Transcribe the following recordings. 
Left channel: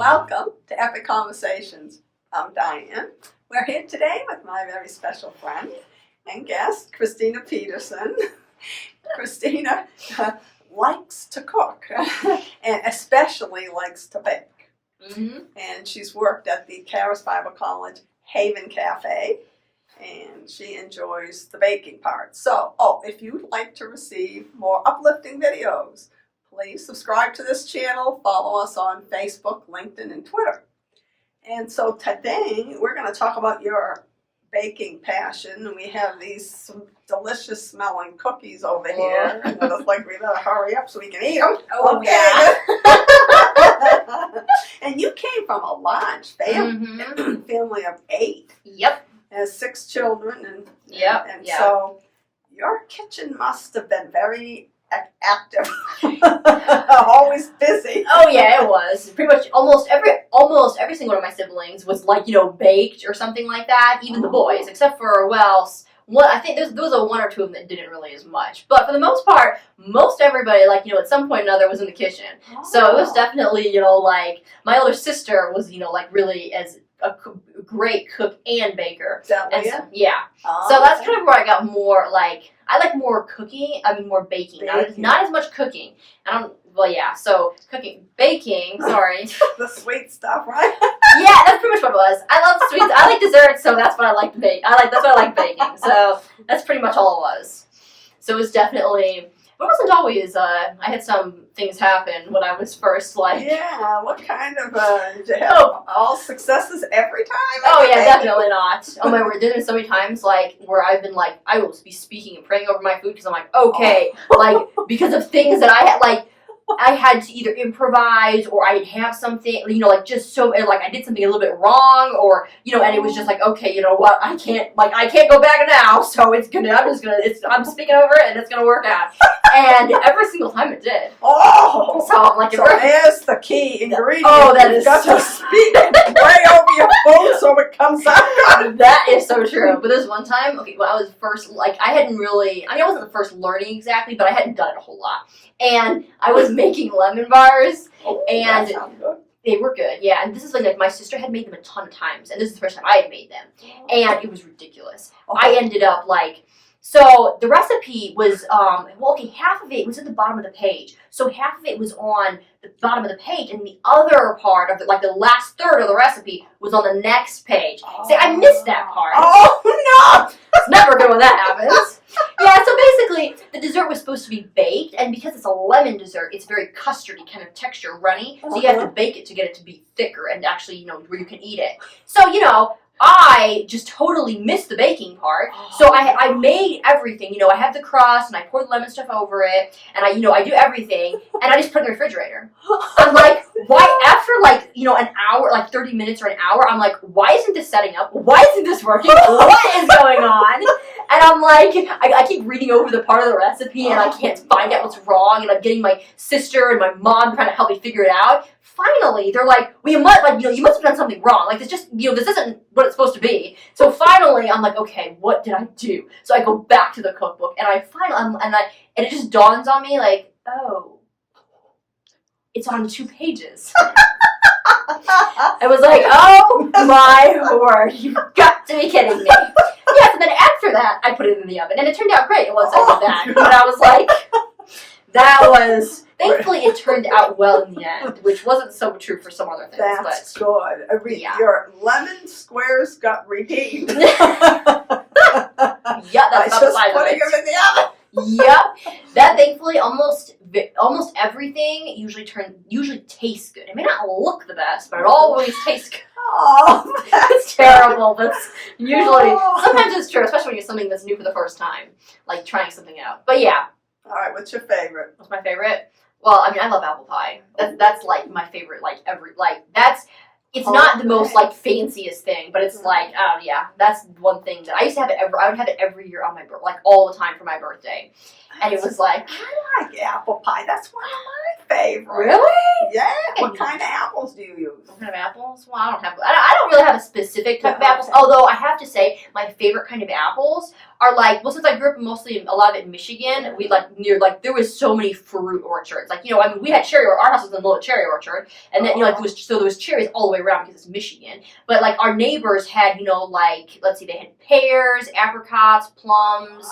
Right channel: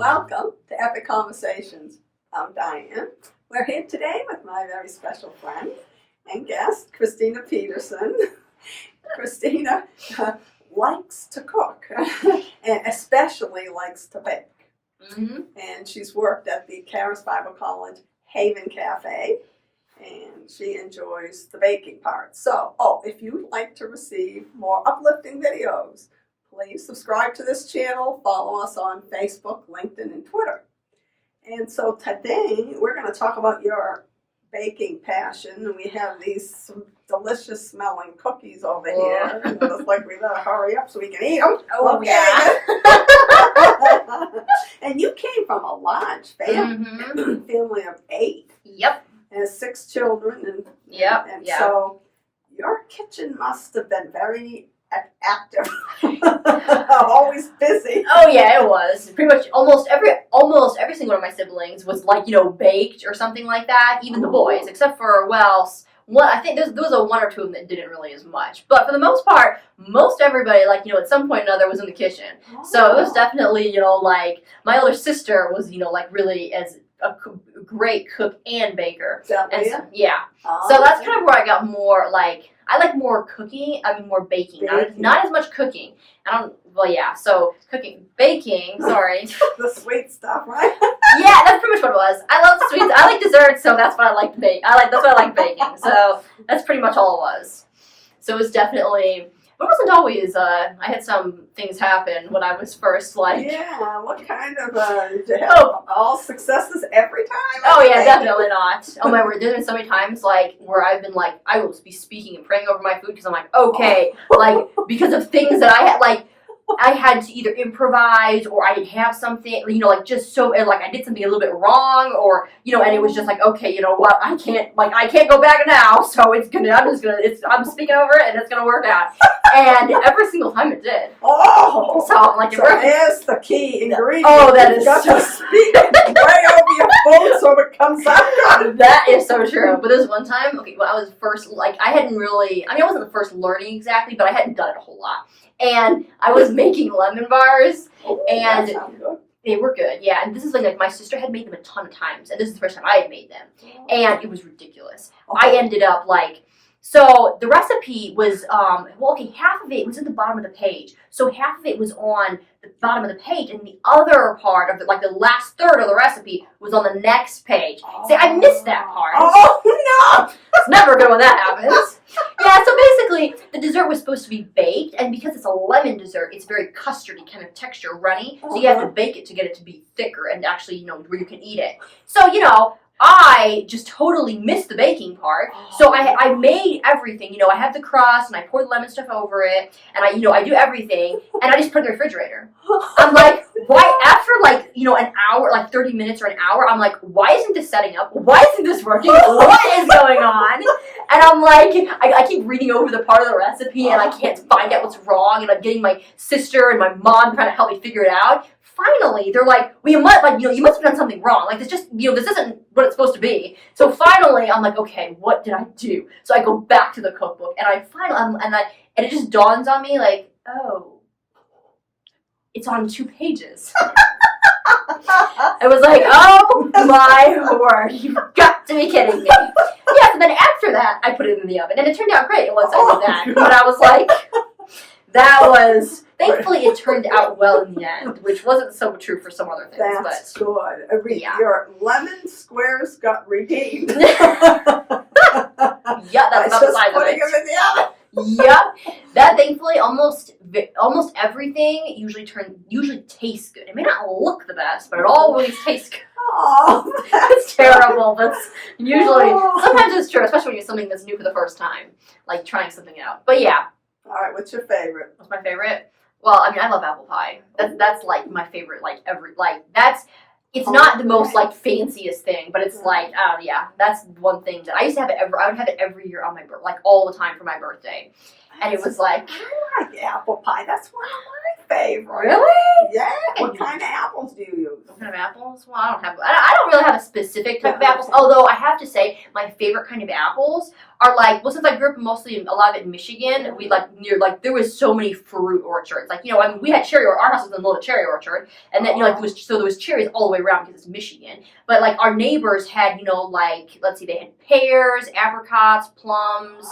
Welcome to Epic Conversations. I'm Diane. We're here today with my very special friend and guest, Christina Peterson. Christina likes to cook and especially likes to bake. Mm-hmm. And she's worked at the Charis Bible College Haven Cafe, and she enjoys the baking part. So, if you'd like to receive more uplifting videos, please subscribe to this channel, follow us on Facebook, LinkedIn, and Twitter. And so today, we're going to talk about your baking passion. And we have these delicious smelling cookies over here. And it's like we better hurry up so we can eat them. Oh, okay. yeah. And you came from a large family of 8. Yep. And 6 children. And Yep. So your kitchen must have been very active. Always busy. Oh yeah, it was. Pretty much almost every single one of my siblings was like, baked or something like that. Even the boys, except for I think there was a 1 or 2 of them that didn't really as much. But for the most part, most everybody, at some point or another was in the kitchen. Oh. So it was definitely, my older sister was, really as a great cook and baker. So, yeah. So that's kind of where I got more, I like more cooking, more baking. Not as much cooking. So baking, sorry. The sweet stuff, right? Yeah, that's pretty much what it was. I love sweets. I like desserts, so that's what I like to bake. That's what I like baking. So that's pretty much all it was. So it was definitely, but it wasn't always, I had some things happen when I was first, Yeah, what kind of, did you have all successes every time? Oh, yeah, definitely not. Oh, my word, there's been so many times, where I've been, I will be speaking and praying over my food because I'm like, okay, because of things that I had, I had to either improvise or I'd have something, just so, I did something a little bit wrong or, and it was just okay, you know what, I can't go back now, so I'm speaking over it and it's going to work out. And every single time it did. Oh! So I'm like, so there's the key ingredient. Oh, that is got so to speak way over your food so it comes out good. That is so true. But there's one time, when I was first, I hadn't really, I wasn't the first learning exactly, but I hadn't done it a whole lot. And I was making lemon bars, and that sounds good. They were good, yeah. And this is my sister had made them a ton of times, and this is the first time I had made them. And it was ridiculous. I ended up so the recipe was, half of it was at the bottom of the page. So half of it was on the bottom of the page, and the other part of the last third of the recipe was on the next page. See, I missed that part. Oh, no! It's never good when that happens. Yeah, so basically, the dessert was supposed to be baked, and because it's a lemon dessert, it's very custardy kind of texture, runny, so you have to bake it to get it to be thicker and actually, where you can eat it. So, I just totally missed the baking part. So I made everything, I have the crust and I pour the lemon stuff over it and I do everything and I just put it in the refrigerator. I'm like, why after an hour, 30 minutes or an hour, I'm like, why isn't this setting up? Why isn't this working? What is going on? And I'm like, I keep reading over the part of the recipe and I can't find out what's wrong and I'm getting my sister and my mom trying to help me figure it out. Finally, they're like, well, you must have done something wrong. This just, this isn't what it's supposed to be. So finally, I'm like, okay, what did I do? So I go back to the cookbook, and and it just dawns on me, oh, it's on 2 pages. I was like, oh my word, you've got to be kidding me. Yes, and then after that, I put it in the oven, and it turned out great. It was after that, but I was like, thankfully, it turned out well in the end, which wasn't so true for some other things. That's good. Your lemon squares got redeemed. Yeah, that's about the size of it. Putting them in the oven. Yep. That thankfully almost everything usually tastes good. It may not look the best, but it always tastes good. Oh, it's terrible, but usually sometimes it's true, especially when you're something that's new for the first time, trying something out. But yeah. All right, what's your favorite? What's my favorite? Well, I love apple pie. That's my favorite. It's not the most fanciest thing, but it's that's one thing that I used to have it I would have it every year on my birthday, all the time for my birthday, and it was I like apple pie. That's one of my favorite. Really? Yeah. What kind of apples do you use? What kind of apples? Well, I don't really have a specific type of apples. Although I have to say, my favorite kind of apples are like, well, since I grew up mostly a lot of it in Michigan, we there was so many fruit orchards. Like, you know, I mean, we had our house was in the middle of a cherry orchard, and then, you know, like, there was cherries all the way around because it's Michigan. But like, our neighbors had, you know, like, let's see, they had pears, apricots, plums,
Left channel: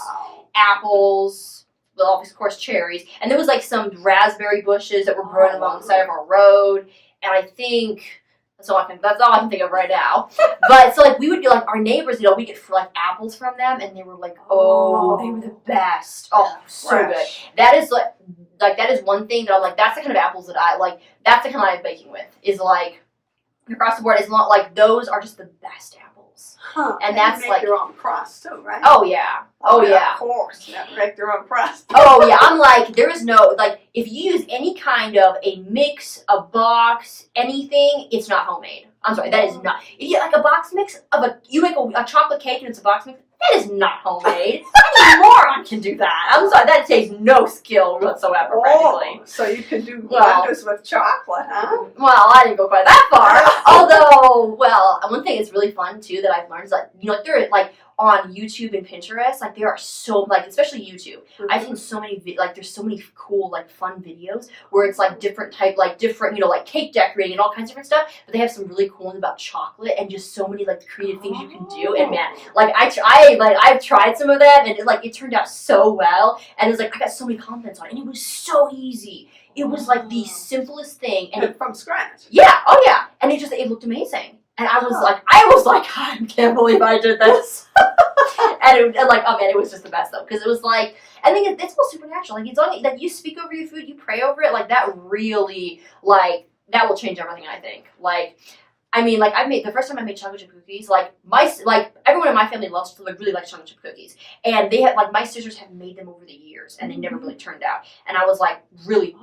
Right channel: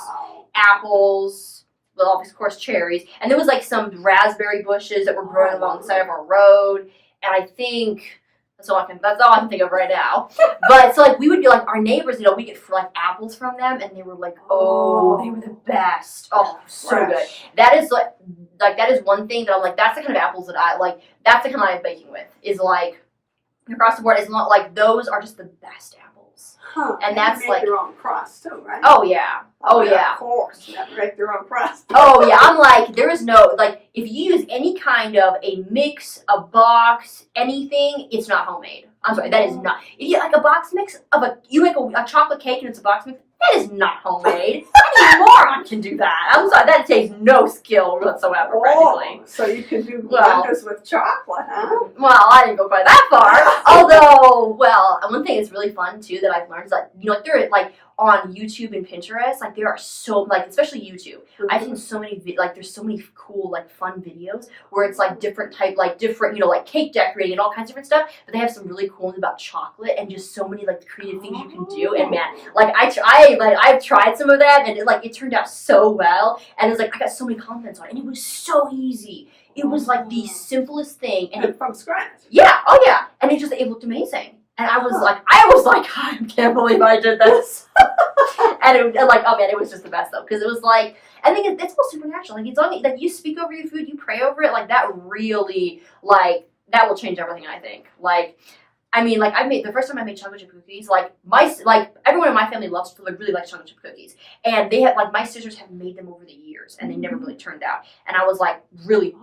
apples. Well, of course, cherries, and there was like some raspberry bushes that were growing along the side of our road, and I think that's all I can think of right now. But so like we would be like our neighbors, you know, we get like apples from them, and they were like, they were the best. Oh, so good. That is like that is one thing that I'm like, that's the kind of apples that I like. That's the kind I like baking with. Is like across the board. It's not like those are just the best apples. Huh. And that's you make like your own crust too, right? Oh yeah. Oh yeah. Of course, you have to make your own crust. Oh yeah. I'm like, there is no like if you use any kind of a mix, a box, anything, it's not homemade. I'm sorry, that is not. If you like a box mix of you make a chocolate cake and it's a box mix, that is not homemade. Any moron can do that. I'm sorry, that takes no skill whatsoever, practically. So you can do wonders with chocolate, huh? Well, I didn't go quite that far. Although, well, one thing that's really fun too that I've learned is that, you know, like there like on YouTube and Pinterest, like there are so like, especially YouTube, I've seen so many there's so many cool like fun videos where it's like different, you know, like cake decorating and all kinds of different stuff. But they have some really cool ones about chocolate and just so many like creative things you can do. And man, like I've tried some of them and it turned out so well. And it's like I got so many compliments on it, and it was so easy. It was like the simplest thing, and from scratch. Yeah, oh yeah, and it looked amazing. And I was like, I can't believe I did this. and it was just the best though, because it was like, I think it's all supernatural. Like, it's only like you speak over your food, you pray over it, like that really, like that will change everything. I think. Like, I mean, like the first time I made chocolate chip cookies, like everyone in my family really likes chocolate chip cookies, and they had like my sisters have made them over the years, and they never really turned out. And I was like, really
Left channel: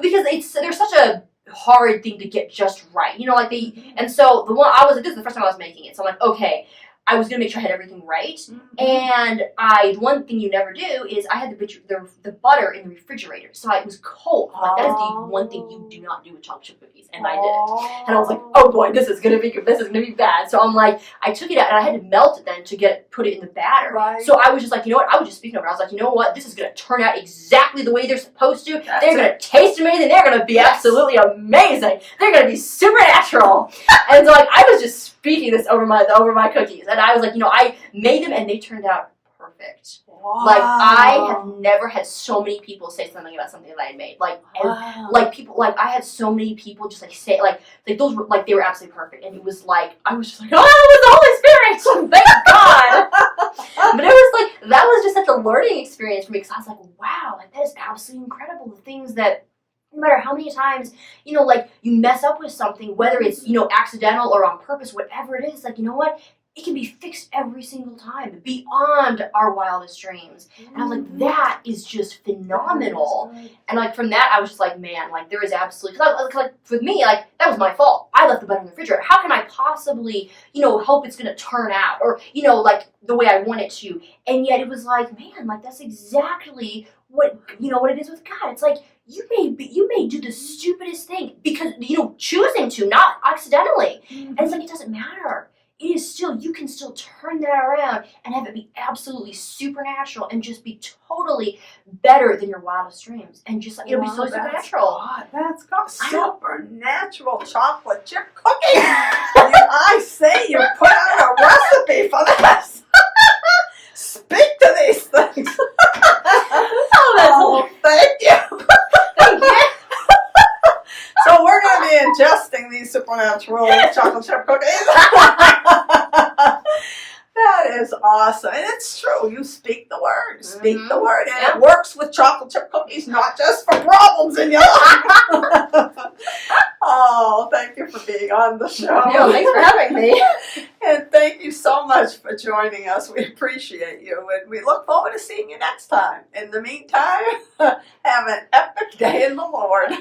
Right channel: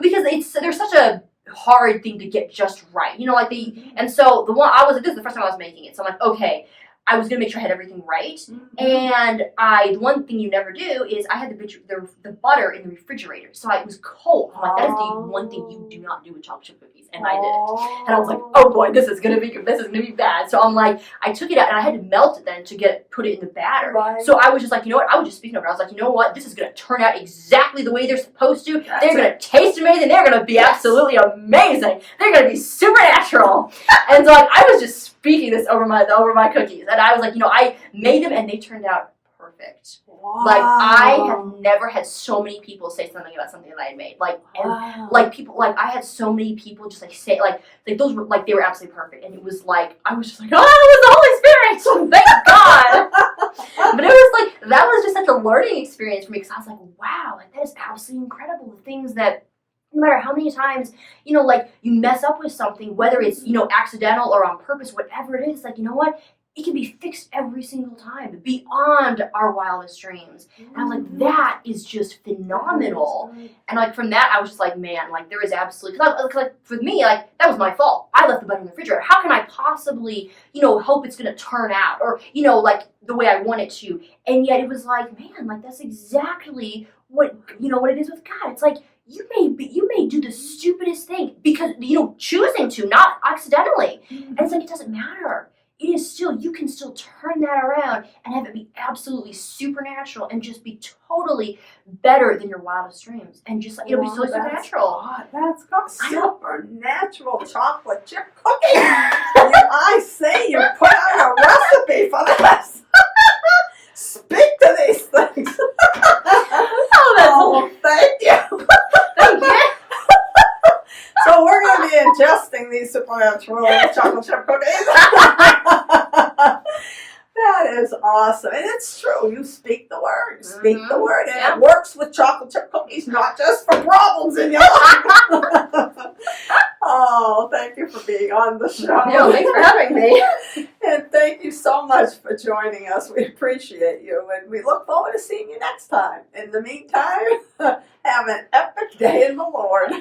because there's such a hard thing to get just right, you know, like and so the one I was like, this is the first time I was making it, so I'm like, okay, I was gonna make sure I had everything right, and the one thing you never do is I had the butter in the refrigerator, so it was cold. I'm like, that is the one thing you do not do with chocolate chip cookies, and I did it, and I was like, oh boy, this is gonna be bad. So I'm like, I took it out and I had to melt it then to put it in the batter. Right. So I was just like, you know what? I was just speaking over it. I was like, you know what? This is gonna turn out exactly the way they're supposed to. They're gonna taste amazing. They're gonna be absolutely amazing. They're gonna be supernatural. And so like I was just speaking this over my cookies. And I was like, you know, I made them and they turned out perfect. Wow. Like I have never had so many people say something about something that I had made. Like like people like I had so many people just like say like those were like they were absolutely perfect. And it was like I was just like, oh, it was the Holy Spirit. Thank God. But it was like that was just such a learning experience for me, because I was like, wow, like that is absolutely incredible. The things that no matter how many times, you know, like you mess up with something, whether it's, you know, accidental or on purpose, whatever it is, like, you know what? It can be fixed every single time, beyond our wildest dreams. And I was like, that is just phenomenal. And like from that, I was just like, man, like there is absolutely, because like for me, like that was my fault. I left the butter in the refrigerator. How can I possibly, you know, hope it's going to turn out or, you know, like the way I want it to? And yet it was like, man, like that's exactly what, you know, what it is with God. It's like, you may do the stupidest thing because, you know, choosing to, not accidentally. And it's like, it doesn't matter. It is still, you can still turn that around and have it be absolutely supernatural and just be totally better than your wildest dreams. And just like, it'll be so supernatural. That's got supernatural chocolate chip cookie. I say you put out a recipe for this. Speak to these things. Oh, thank you. Thank you. So we're going to be ingesting these supernatural chocolate chip cookies. That is awesome. And it's true. You speak the word. Speak the word. And it works with chocolate chip cookies, not just for problems in your life. Oh, thank you for being on the show. No, thanks for having me. And thank you so much for joining us. We appreciate you. And we look forward to seeing you next time. In the meantime, have an epic day in the Lord.